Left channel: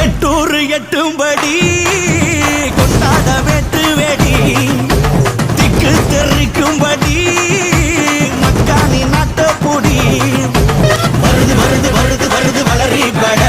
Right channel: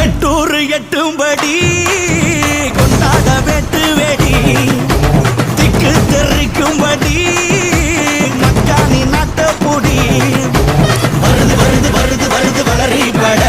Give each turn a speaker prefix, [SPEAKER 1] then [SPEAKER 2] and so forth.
[SPEAKER 1] எட்டூர் எட்டும்படி கொண்டாட வெட்டு வெடி திக்கு தெரிக்கும்படி மக்கானி நாட்ட பொடி வருது வருது வருது வருது வளரி பட